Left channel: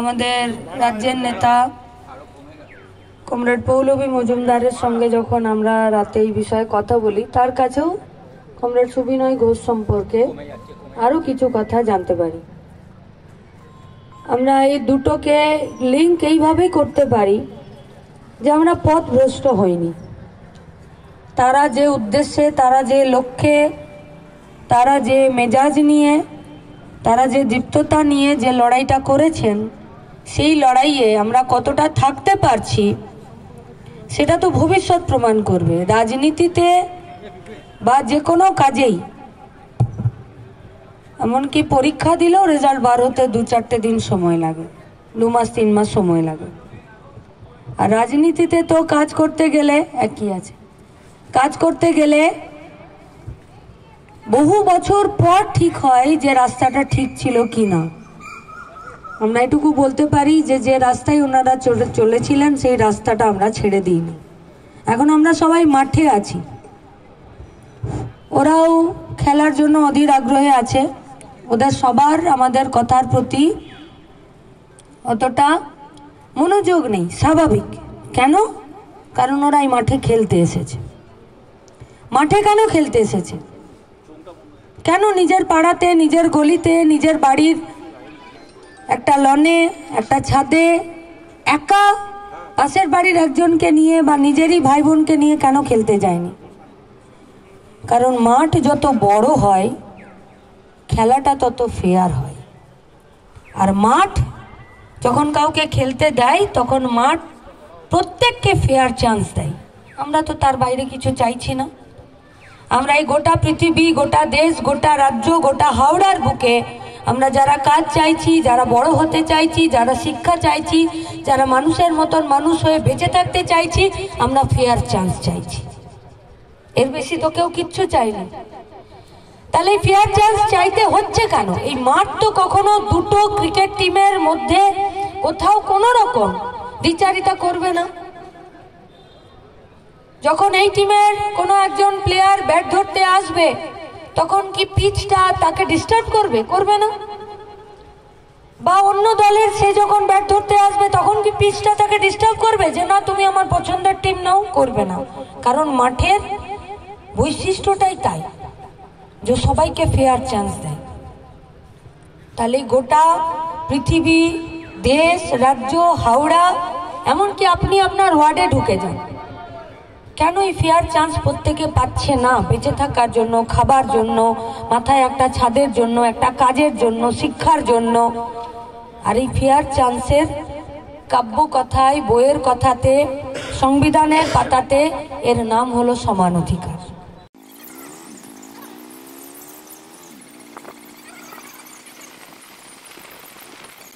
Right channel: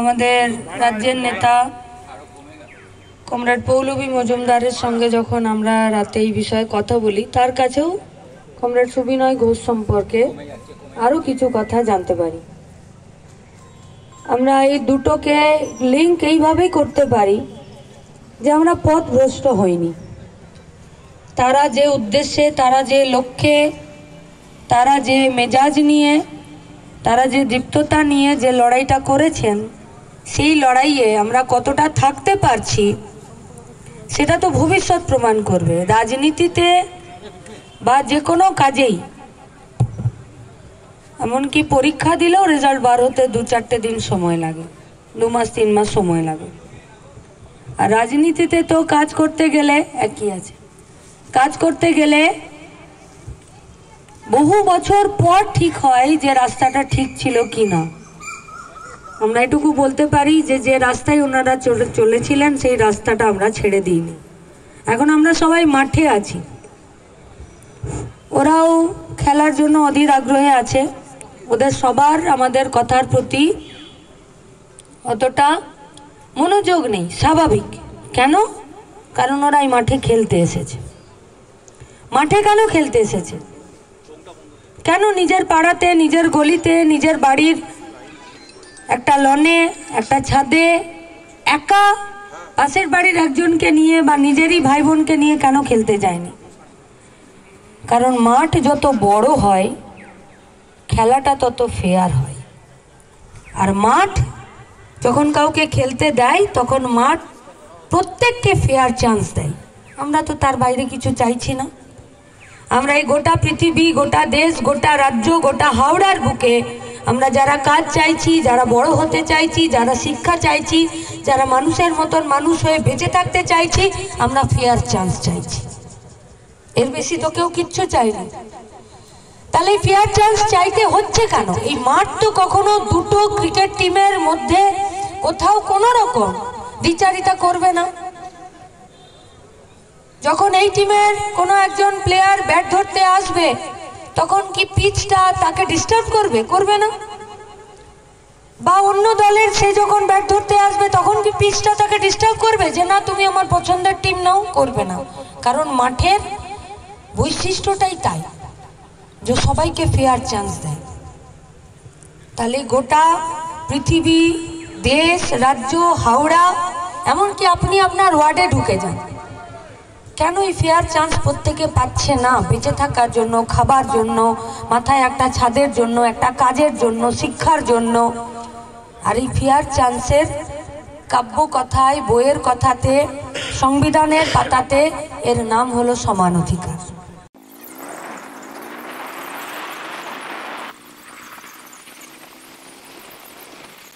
আমাদের রাজ্যের নেতা কমরেড পৌলভী মজুমদারের সঙ্গে যখন আমরা রাতে এই বিষয়ে কথা বলি, তার কাছেও কমরেড সুবিনয় ঘোষ সম্পর্কে আরও কিছু কথা জানতে পারি। আমরা এই দুটোকে লিঙ্ক এইভাবেই করতে পারি যে আমরা পথভ্রষ্ট হইনি। তারা যে উদ্দেশ্যে, তারা যে লক্ষ্যে, তারা যে মেজাজ নিয়ে, তারা যে দীপ্ততা নিয়ে যে লড়াইটা করেছেন, সেই লড়াইয়ে আমরা কতটা থাকতে পারছি সেটা তো ভবিষ্যৎ প্রমাণ করবে। রাজনীতিতে বা যে কোনো কাজেই, এমনকি পরীক্ষা দিলেও রেজাল্ট বার হতে 2-4 দিন সময় লাগে, 2 মাস 3 মাস সময় লাগে। আর রাজনীতিতে তো কাজ করতে গেলে একই আছে, কাজ করতে গেলে বহু বছর পর ঠিক হয় যে রাস্তাটা ঠিক ছিল কি না। আমরা এটুকু বলতে পারি যে যে রাস্তায় ওনারা চলেছিলেন সেই রাস্তাটা আমরা ছেড়ে দিইনি। এখন আমরা সবাই মাঠে আছি, ওরাও খেলার জন্য অধীর আগ্রহে আছে। ওদের সবার আমাদের কথার প্রতি অতটা মনোযোগ নেই, স্বাভাবিক। কেন? কারণ ওরা এই মাঠে খেলতে এসেছে। মাঠে কেন খেলতে এসেছে? কেন নিজের পাড়াতে, নিজের গলিতে, নিজের বাড়ির একটা লনে, একটা ছাদে একা পাশের বাড়ির একজনকে নিয়ে বা নিজেরই ভাই বোনকে নিয়ে কেন খেলতে যায়নি? কারণ মাঠ যত বড় হয় খেলাটা তত ফেয়ার হয়। আর মাঠ যখন কাউকে খেলতে দেয় তখন মাঠ প্রত্যেককে ফেয়ার চান্স দেয়। আমরা তো তার বাইরে কিছু চাইছি না। আমরা এই গোটা পৃথিবী, গোটা দেশ, গোটা রাজ্য, গোটা হাওড়ার বুকে আমরা যারা কাজ চাইছি, যারা বড় হতে চাইছি, যারা শিক্ষা চাইছি, যারা মানুষের মতন মানুষ হয়ে বেঁচে থাকতে চাইছি, আমরা ফেয়ার চান্স চাইছি। এর বেশি তো কেউ কিচ্ছু চাইনি। তাহলে ফেয়ার চান্স চাইতে হচ্ছে কেন? এই মাঠ তো কখনো দুটো ক্রিকেট টিমের মধ্যে কোথাও কোনো রকম দ্বিচারিতা করবে না। যখন এই টিমের কোনো একজন প্লেয়ার ব্যাট ধরতে আসবে তখন কি পিচটা তাকে ডিস্টার্ব করবে? করবে না। বা অন্য দলের সে যখন ব্যাট ধরতে আসবে তখন কি পিচটা তাকে ডিস্টার্ব করবে যে না তুমি আমার পছন্দের টিম নাও? করবে না। কারণ মাঠের বৈশিষ্ট্যটাই তাই যে সবাইকে ফেয়ার চান্স দেয়। তাহলে গোটা পৃথিবী, দেশ, রাজ্য, হাওড়া, এমনকি আপনি আপনার ওয়ার্ডে ঢুকে যান, কেন এই ফেয়ার চান্স প্রত্যেকে পাচ্ছে না? বেঁচে থাকার জন্য, খাবার জন্য, মাথায় একটা ছাদের জন্য, একটা কাজের জন্য, শিক্ষার জন্য। আর এই ফেয়ার চান্সের কাব্য কথায়, বইয়ের কথাতে, সংবিধানের পাতাতে এর নাম হলো সমান অধিকার।